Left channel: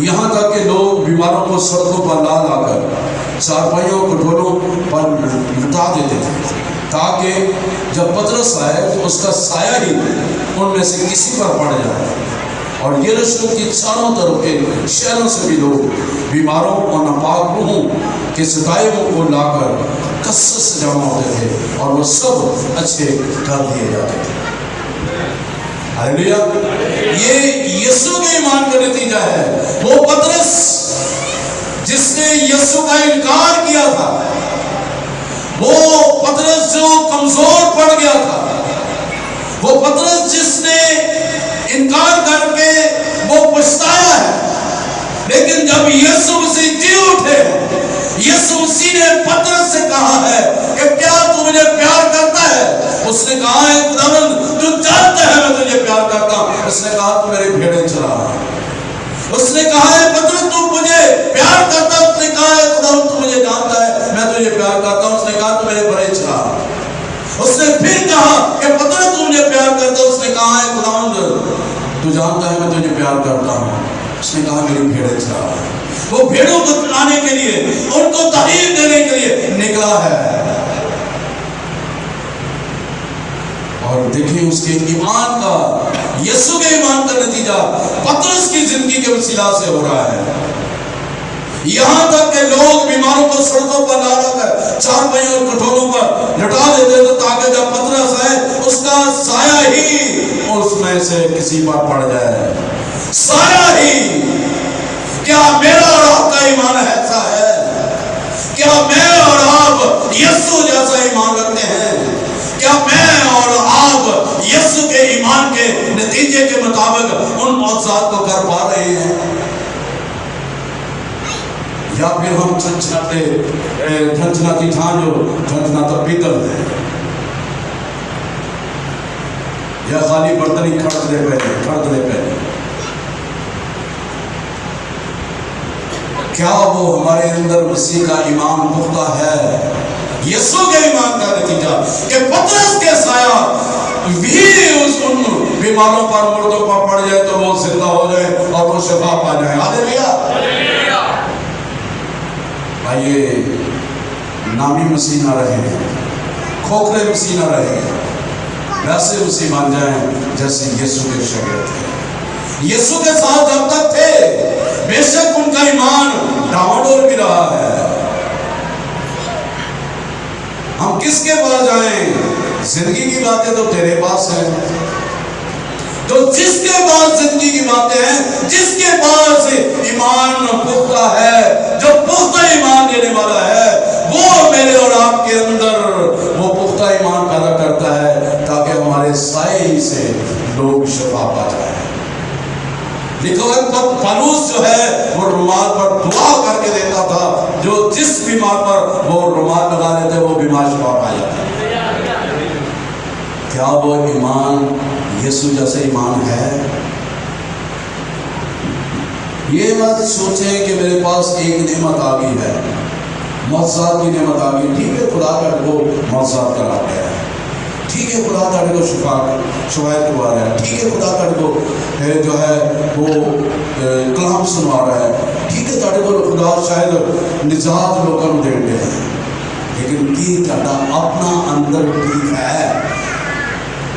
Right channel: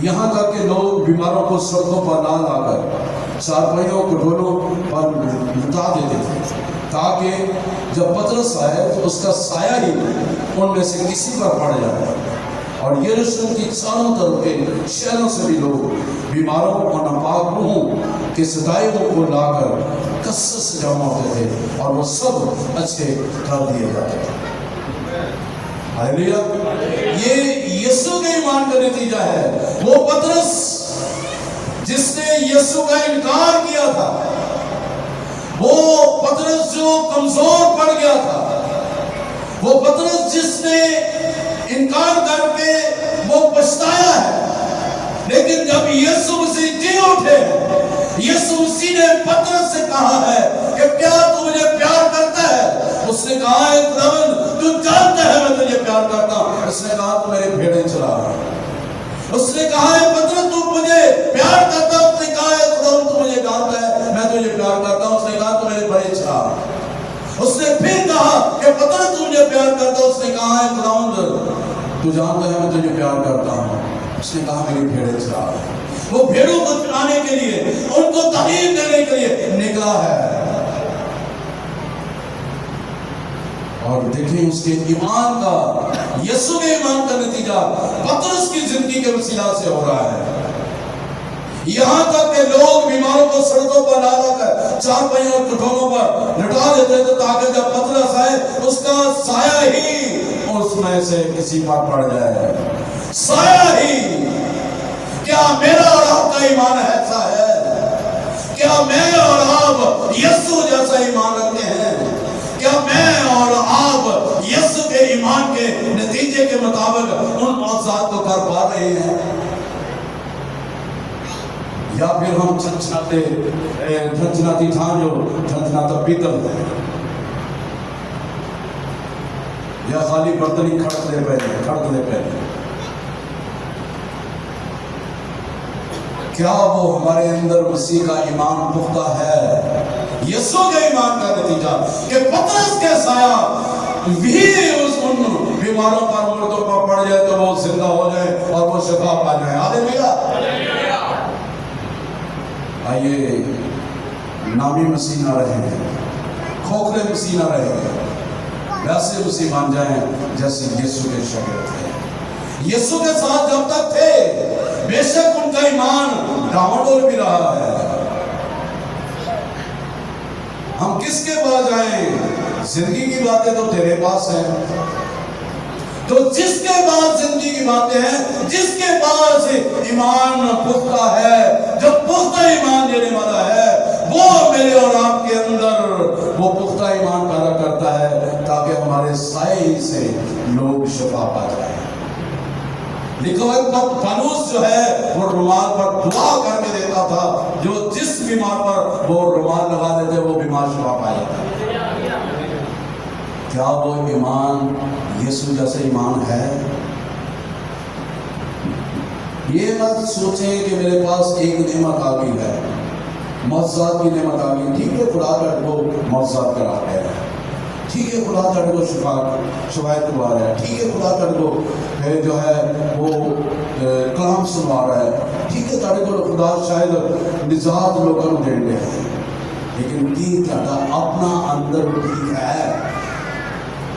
یہاں تک کہ لوگ بیماروں کو سڑکوں پر لا لا کر چارپائیوں کٹوروں پر لٹا دیتے تھے تاکہ جب پطرس آئے تو اس کا سایہ ہی ان میں سے کسی پر پڑ جائے۔ اور یروشلم کی چاروں طرف کے شہروں سے بھی لوگ بیماروں اور ناپاک روحوں کے ستائبوں کو لا کر کثرت سے جمع ہوتے تھے اور وہ سب اچھے کر دیے جاتے تھے۔ ہاللیلویا! یہ یسوع کے ایمان کا نتیجہ ہے۔ وہ پطرس جس نے یسوع کا انکار کیا تھا، وہ پطرس جو کمزور پڑ گیا تھا، وہ پطرس جس نے انکار کر کے وہ پچھتایا ہے، لیکن جب یسوع مسیح جی اٹھے، یسوع مسیح نے پطرس سے کہا ہے کہ کیا تو مجھے پیار کرتا ہے؟ اس نے کہا ہے خداوند تو جانتا ہے میں تجھے پیار کرتا ہوں۔ اس نے کہا تو میرے بھیڑیں چرا۔ اس نے کہا ہے پطرس تو مجھے پیار کرتا ہے؟ اس نے کہا ہے خداوند تو مجھے جانتا ہے میں تجھے پیار کرتا ہوں۔ اس نے کہا تو میرے بھیڑیں چرا۔ اس نے پھر کہا کہ پطرس تو مجھے پیار کرتا ہے؟ اس نے کہا ہے خداوند تو جانتا ہے میں تجھے پیار کرتا ہوں۔ اس نے کہا میری بھیڑیں چرا۔ وہ بھیڑوں کو چرانے کے لیے، ان کو تعلیم دینے کے لیے نکلا ہے۔ اور دیکھیں اس کے ایمان کا، یسوع کے ایمان کا نتیجہ پطرس کی زندگی کے وسیلہ سے ہو رہا ہے۔ یہاں تک کہ لوگ بیماروں کو سڑکوں پر لا لا کر چارپائیوں اور کٹوروں پر لٹا دیتے تھے تاکہ جب پطرس آئے اس کا سایہ ہی اس میں سے کسی پر پڑ جائے۔ سایہ ہی۔ کیا میرا اور آپ کا ایمان ایسا ہے؟ کیا میں اور آپ یسوع جیسا ایمان رکھتے ہیں؟ کیا میں اور آپ یسوع کے ایمان کے نتیجے کے مطابق ان معجزات کو کر پا رہے ہیں؟ یا پھر ہم جھنجھناتی جھنجھناتا پیتل ہیں، یا خالی برتنی کھڑکنے پہ؟ کیا وہ ہمارے اندر مسیح کا ایمان پختہ ہے؟ یسوع کے ایمان کا نتیجہ کہ پطرس کے سایہ بھی ان بیماروں پر، مردوں پر پڑ جائے تو وہ زندہ ہو جائے اور وہ شفا پا جائے۔ ہاللیلویا! آئیے نامی مسیح نہ رہے، کھوکھلے مسیح نہ رہے، ویسے مسیح بن جائیں جیسے یسوع کے شاگرد تھے۔ یسوع کے ساتھ جب تک تھے بے شک ان کا ایمان ڈاواڈول بھی رہا ہے۔ ہم کس کے پاس جائیں؟ زندگی کی باتیں تو تیرے پاس ہیں، تو جس کے پاس زندگی کی باتیں ہیں، جس کے پاس ایمان پختہ ہے، جو پختہ ایمان دینے والا ہے، وہ میرے اور آپ کے اندر وہ پختہ ایمان پیدا کرتا ہے تاکہ ہمارے سائے ہی سے لوگ شفا پا جائیں۔ لکھا ہے پالوس جو ہے وہ رومال پر دعا کر کے دیتا تھا، جو جس بیمار پر وہ رومال لگا دیتے وہ بیمار شفا پا جاتے۔ کیا وہ ایمان یسوع جیسا ایمان ہے؟ یہ مت سوچیں کہ میرے پاس ایک نعمت آ گئی ہے، معجزات کی نعمت آ گئی، ٹھیک ہے خدا کا وہ معجزات کرا گیا ہے، ٹھیک ہے خدا تعالیٰ کو شفایت کروا رہا ہے، ٹھیک ہے خدا تعالیٰ کو جو ہے وہ کلام سنوا رہا ہے، ٹھیک ہے تعالیٰ کو خدا شاید نجات لوگوں کو دے رہے ہیں، لیکن کی تعالیٰ اپنا اندر ٹھیک ہے؟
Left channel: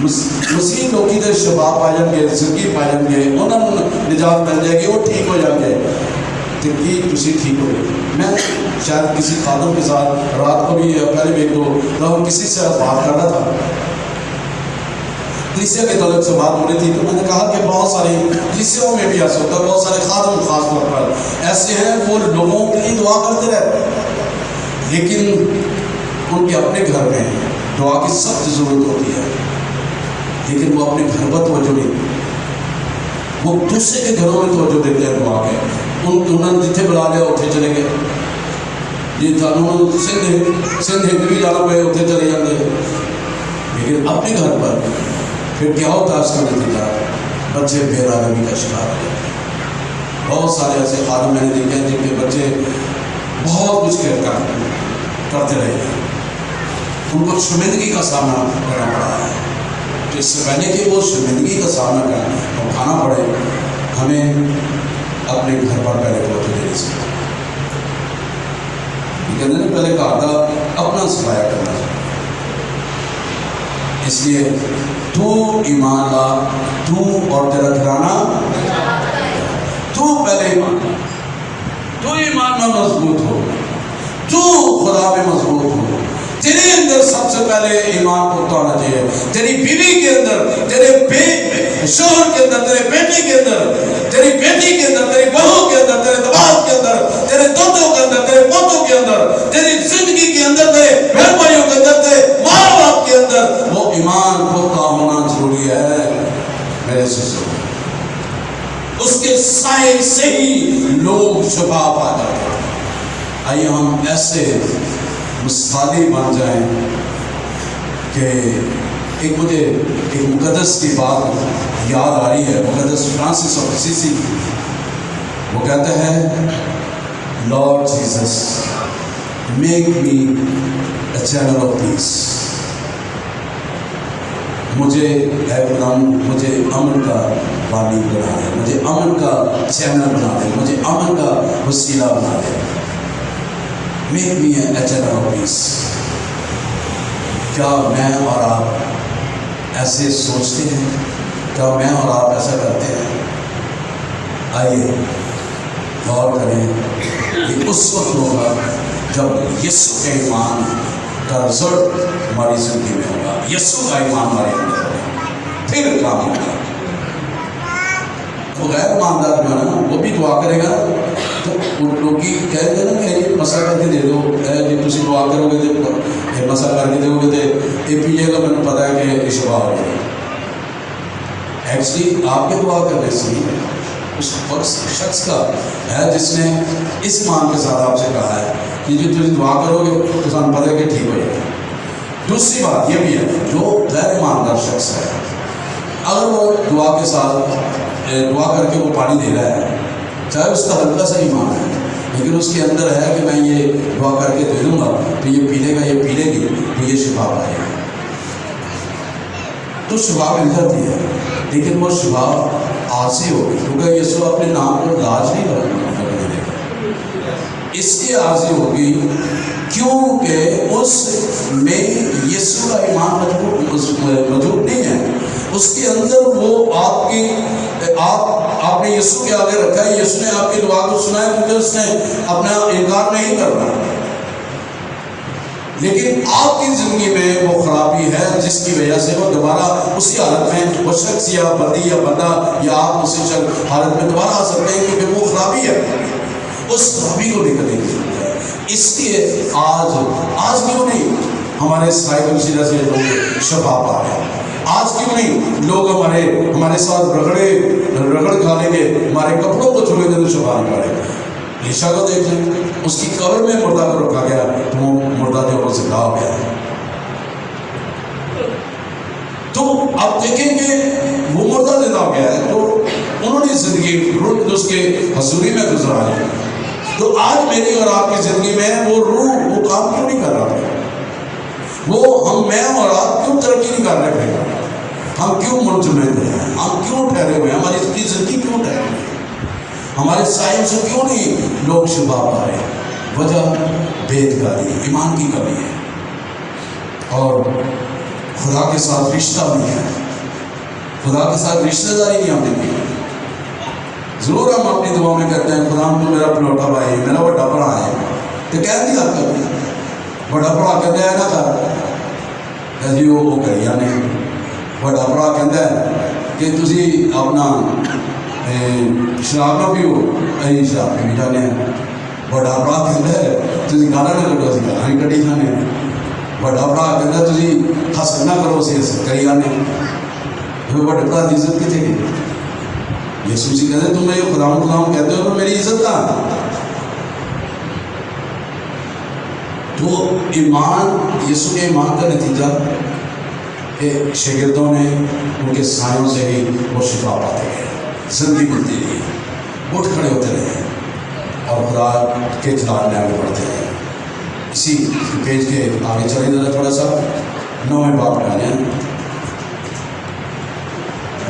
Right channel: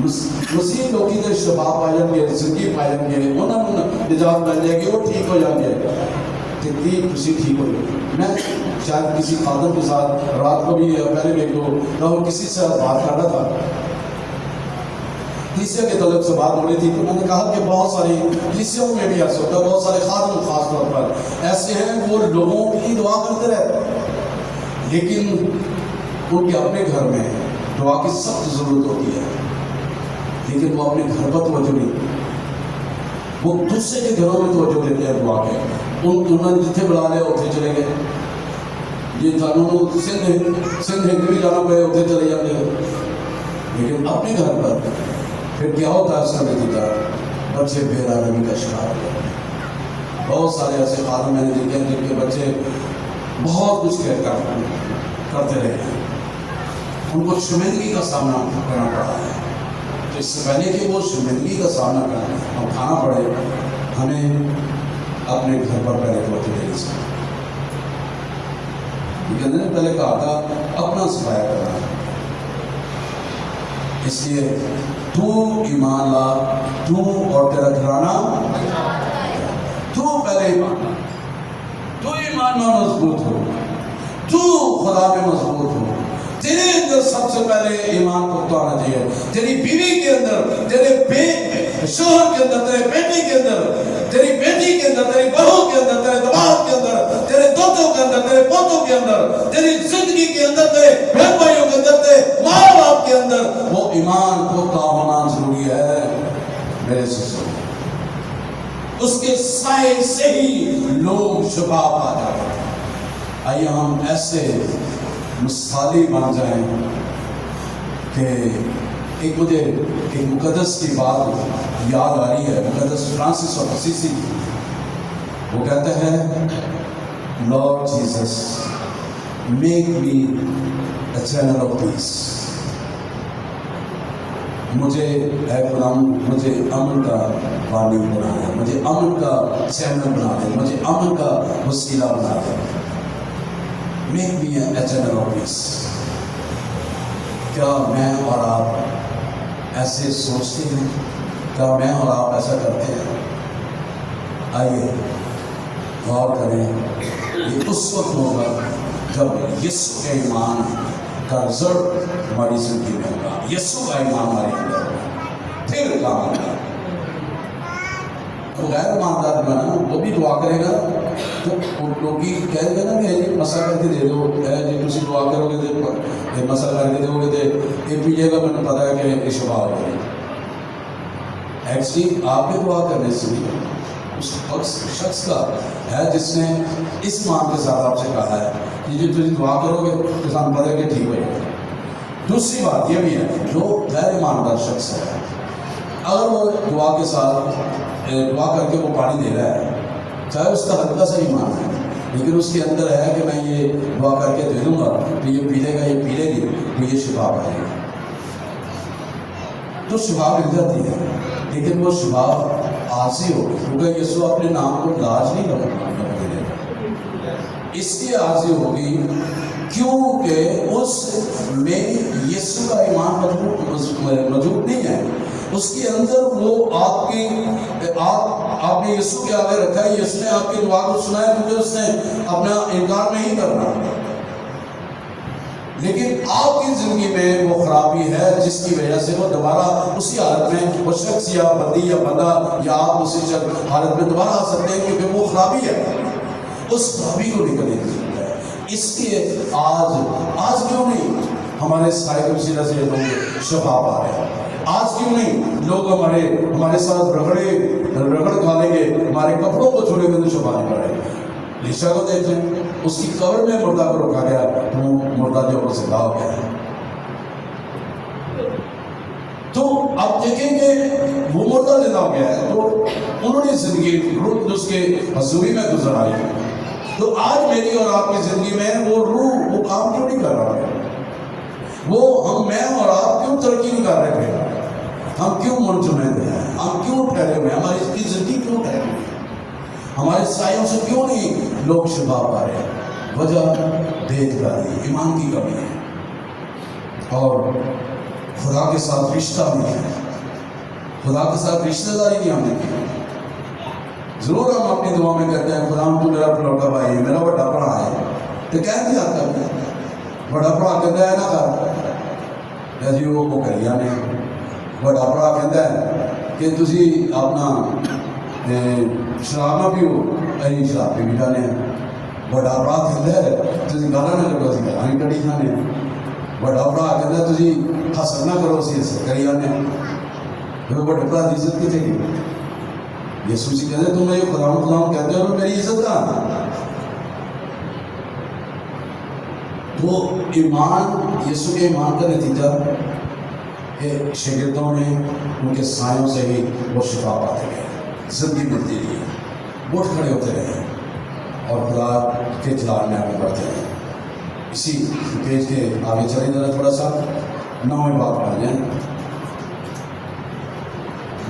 مسیح لوگ ادھر شفا پا جائیں گے، زندگی پا جائیں گے، انہوں نجات مل جائے گی، وہ ٹھیک ہو جائیں گے، تو کی تسی ٹھیک ہو گئی۔ میں شاید کسی خادم کے ساتھ رات کو بھی پہلے بھی ایک دو کسی سے بات کر رہا تھا، کلیسیا کے تعلق سے بات ہو رہی تھی، تو میں نے کہا کہ بہت سارے کلیسیوں میں بھی ایسا ہوتا ہے، بہت سارے خادم خاص طور پر ایسے ہیں وہ لوگوں کے لیے دعا کرتے رہتے ہیں، لیکن ان کے اپنے گھر میں دعا کی سخت ضرورت ہوتی ہے، لیکن وہ اپنے گھر پر توجہ نہیں، وہ دوسرے کے گھروں میں توجہ دیتے ہیں دعا کے، انہوں نے جتنے بلا لیا اتنے چلے گئے، جی سندھ بھی جانا پہ اتنے چلے جاتے ہیں، لیکن اپنے گھر پر پھر کیا ہوتا ہے اس کا نتیجہ؟ بچے بے آرامی کا شکار ہیں۔ بہت سارے ایسے خادم میں نے دیکھے ہیں جن کے بچے بہت کچھ کرتے رہے ہیں، ان کو شرمندگی کا سامنا کرنا پڑا ہے، تو اس سے پہلے کہ وہ شرمندگی کا سامنا کرنا اور کھانا پڑے، ہمیں اپنے گھر پر پہلے توجہ دینی چاہیے. یہ کہتے ہیں پہلے گھر کا اپنا صفایا کرنا چاہیے. اس لیے تو ایمان لا، تو اور تیرا گھرانہ، تو پہلے ایمان لا، تو ایمان میں مضبوط ہو، تو خدا میں مضبوط ہو. تیرے اندر سب سے پہلے ایمان کو توڑنا چاہیے. تیری بیوی کے اندر، تیرے شوہر کے اندر، تیرے بیٹے کے اندر، تیری بیٹی کے اندر، تیری بہو کے اندر، تیرے دماغ کے اندر، تیرے دوتوں کے اندر، تیرے پوتوں کے اندر، تیری زندگی کے اندر، تیرے بہن بھائیوں کے اندر، تیرے ماں باپ کے اندر وہ ایمان پختہ ہونا ضروری ہے. میرے سسٹر، اس کے سائے سے ہی لوگ شفا پا جاتے ہیں. آئیے ہم ایسے مثالی بن جائیں کہ مجھے ایک مقدس کی بات یاد آ رہی ہے. مقدس فرانسس آف اسیسی وہ کہتے ہیں، lord Jesus make me a channel of پیس. مجھے امن کا بانی بنا دے، مجھے امن کا چینل بنا دے، مجھے امن کا وسیلہ بنا دے. Make me a channel of peace. کیا میں اور آپ ایسے سوچتے ہیں؟ کیا میں اور آپ ایسا کرتے ہیں؟ آئیے غور کریں. یہ اس وقت ہوگا جب یسوع کے ایمان کا رزلٹ ہماری زندگی میں ہوگا، یسوع کا ایمان ہمارے اندر ہوگا، پھر کام ہوگا. وہ غیر ایماندار جو ہے نا، وہ بھی دعا کرے گا تو لوگ کہہ دے نا کہ یہ مسئلہ کر کے دے دو، جی تھی دعا کرو گے تو مسئلہ کر کے دو گے تو یہ پیجیے گا، مجھے پتا ہے کہ شفا ہو جائے. ایکچولی آپ کے دعا کرنے سے اس شخص کا ہے جس نے اس مان کے ساتھ آپ سے کہا ہے کہ جو تجھے دعا کرو گے تو سان پتہ ہے کہ ٹھیک ہو جائے گا. دوسری بات یہ بھی ہے، جو غیر ایماندار شخص ہے اگر وہ دعا کے ساتھ دعا کر کے وہ پانی دے رہا ہے، چاہے اس کا ہلکا سا ایمان ہے لیکن اس کے اندر ہے کہ میں یہ دعا کر کے دے دوں گا تو یہ پی لے گا، یہ پی لے گی تو یہ شفا پائے گا، تو شفا مل جاتی ہے. لیکن وہ شفا عارضی ہوگی کیونکہ یسوع اپنے نام کو لاج نہیں کرنے دے گا. اس لیے عارضی ہوگی کیونکہ اس میں یسوع کا ایمان موجود نہیں ہے. اس کے اندر وہ آپ نے یسوع کے آگے رکھا ہے. یسوع نے آپ کی دعا کو سنا ہے کیونکہ اس نے اپنا انکار نہیں کرنا. لیکن آپ کی زندگی میں وہ خرابی ہے جس کی وجہ سے وہ دوبارہ اسی حالت میں وہ شخص یا بندی یا بندہ یا آپ اسی حالت میں دوبارہ آ سکتے ہیں کیونکہ وہ خرابی ہے. اس خرابی کو نکلنے کی ضرورت ہے. اس لیے آج کیوں نہیں ہمارے سائیکل وسیلہ سے لوگ شفا پا رہے ہیں؟ آج کیوں نہیں لوگ ہمارے ساتھ رگڑ کھانے کے ہمارے کپڑوں کو چھوڑے دے شفا نہیں پا رہے؟ عیسیٰ کو دیکھ لیں، اس کی قبر میں مردہ کو رکھا گیا تو وہ مردہ جو وہ زندہ ہو گیا. تو آپ دیکھیں کہ وہ مردہ زندہ ہو گیا ہے تو انہوں نے زندگی روح اس کے حضوری میں گزرائی. تو آج میری اور آپ کی زندگی میں وہ روح وہ کام کیوں نہیں کر رہا ہے؟ میں اور آپ کیوں ترقی نہیں کر رہے ہیں؟ ہم کیوں منجمد ہیں؟ ہم کیوں ٹھہرے ہوئے ہیں؟ ہماری زندگی کیوں ٹھہرے ہوئی ہے؟ ہمارے سائوں سے کیوں نہیں لوگ شفا پا رہے ہیں؟ وجہ بےدگاری، ایمان کی کمی ہے اور خدا کے ساتھ رشتہ نہیں ہے. خدا کے ساتھ رشتہ داری نہیں ہم نے کی. ضرور ہم اپنی دعا میں کہتے ہیں خدا تو میرا پلوٹا بھائی ہے، میرا بڑا بڑا ہے، تو کہہ دیا کبھی بڑا بڑا کہتا ہے نا کر جی وہ کریا نہیں. بڑا بڑا کہتا ہے کہ تسی اپنا شراب نہ پیو، اے شراب پی بھی جانے ہیں. بڑا بڑا کہتا ہے تسی گانا نہ کٹو، اسی گانا بھی کٹی جانے ہیں. بڑا بڑا کہتا ہے تسی حسد نہ کرو، اسی حسد کری جانے ہیں. بڑے بڑا عزت کتنے کی؟ یسوع جی کہتے ہیں تم میرے خداوند کہتے ہو تو میری عزت کہاں؟ تو ایمان، یسوع کے ایمان کا نتیجہ کہ شاگردوں نے ان کے سایوں سے ہی وہ شفا پاتے گئے، زندگی ملتی رہی، اٹھ کھڑے ہوتے رہے اور خدا کے جلال میں آگے بڑھتے رہے. اسی پیج کے آگے چلیں ذرا تھوڑا سا 9ویں باب میں آ جائیں،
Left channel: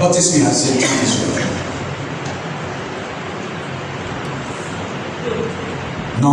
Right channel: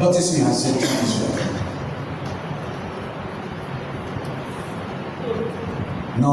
32ویں آیت سے 34ویں. 9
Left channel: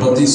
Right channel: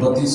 32,